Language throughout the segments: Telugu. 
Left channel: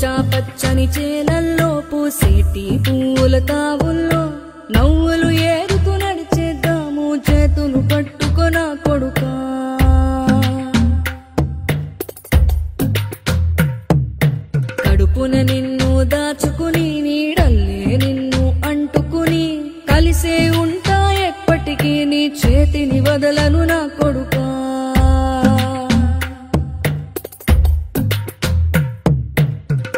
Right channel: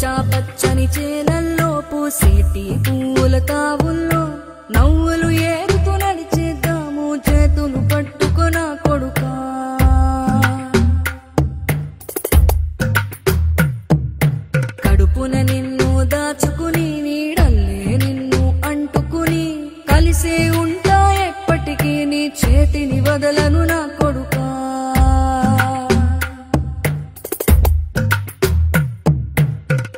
పచ్చా పచ్చని చేలల్లో పూసేటి పూల తావుల్లో నవ్వులు ఏరుతూ నడిచేద్దాము చేతులు పట్టుకొన కొడుకా కడుపున నిన్ను దాచుకుని నీడల్లే నిన్ను అంటుకుని కలిసే ఉంటా ఎప్పటికీ నీ చేతిని వదలను నా కొడుకా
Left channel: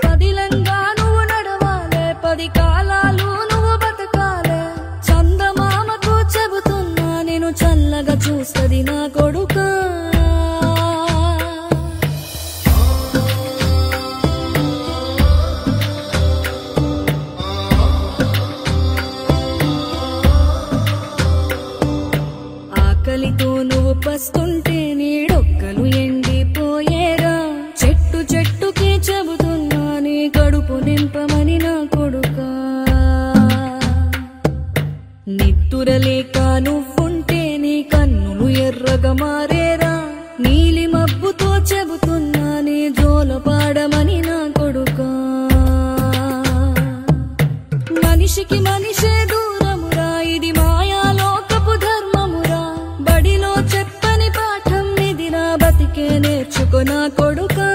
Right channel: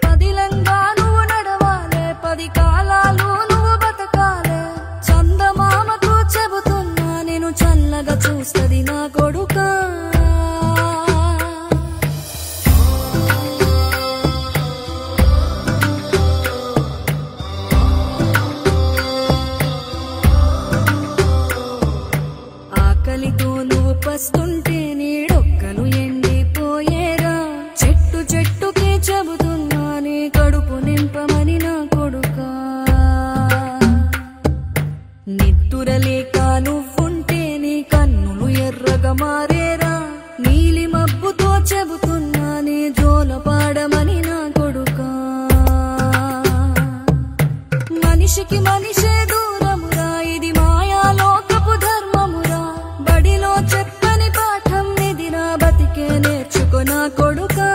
పదిలంగా నువ్వు నడవాలే 10 కాలాలు నువ్వు బతకాలే చందమామకు చెబుతున్నా నేను చల్లగా చూస్తది నా కొడుకా ఆకలితో నువ్వు పస్తుంటే నీడొక్కలు ఎండిపోయేరా చెట్టు చెట్టుకి చెబుతున్నా నీ కడుపు నింపమని నా కొడుకా నిద్దురలేక నువ్వుంటే నీ కన్నులు ఎర్రగా మారేరా నీలి మబ్బుతో చెబుతున్నా నీ జోల పాడమని నా కొడుకా మనిషికి మనిషే దూరమురా ఇది మాయాలోకపు ధర్మమురా బడిలో చెప్పని పాఠం ఇది నా బతికే నేర్చుకో నా కొడుకా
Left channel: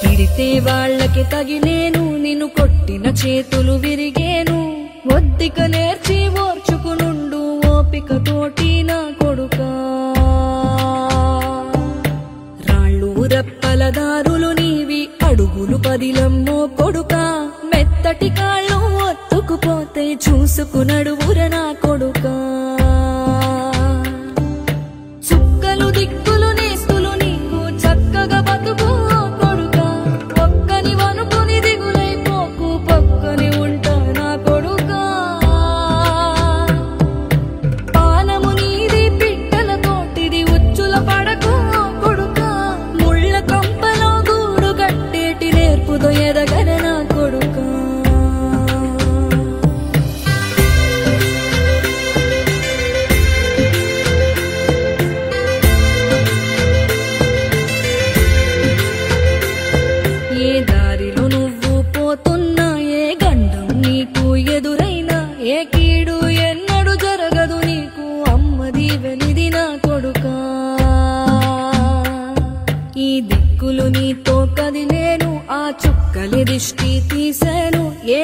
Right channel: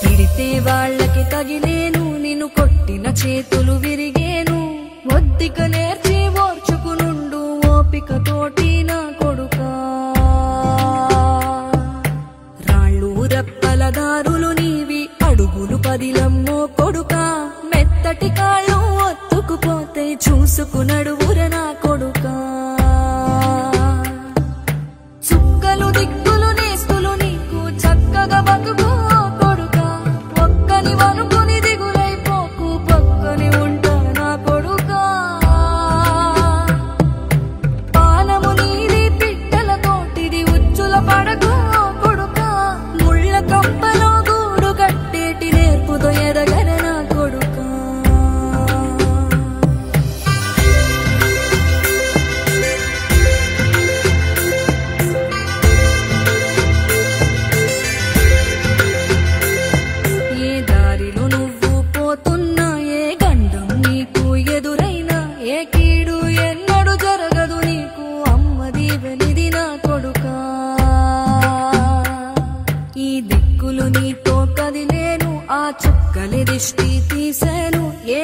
తిడితే వాళ్ళకి తగిలేను నిన్ను కొట్టిన చేతులు విరిగేను ఒద్దిక నేర్చి ఓర్చుకునుండు ఓపిక తోటి నా కొడుకా రాళ్ళు రప్పల దారులు నీవి అడుగులు పదిలమ్మో కొడుకా మెత్తటి కాళ్ళు ఒత్తుకుపోతే చూసుకునడువుర నా కొడుకా చుక్కలు దిక్కులు నేస్తులు నీకు చక్కగా బతుకు కొడుకా ఒక్కని వనుకుని దిగులైపోకు పక్కని ఉంటా నా కొడుకా పానము నీది పిట్టల తోటిది ఉచ్చుల పడకు కొడుకా ముళ్ళ కంపలో గూడు కట్టేటి నేర్పుతో ఎదగన నా కొడుకా ఏ దారిలో నువ్వు పోతున్నా ఏ గండం నీకు ఎదురైనా ఏ కీడు ఎన్నడు జరగదు నీకు అమ్మ దీవెనిది నా కొడుకా ఈ దిక్కులు నీతో కదిలేను ఆ చుక్కలి దిష్టి తీసాను ఏ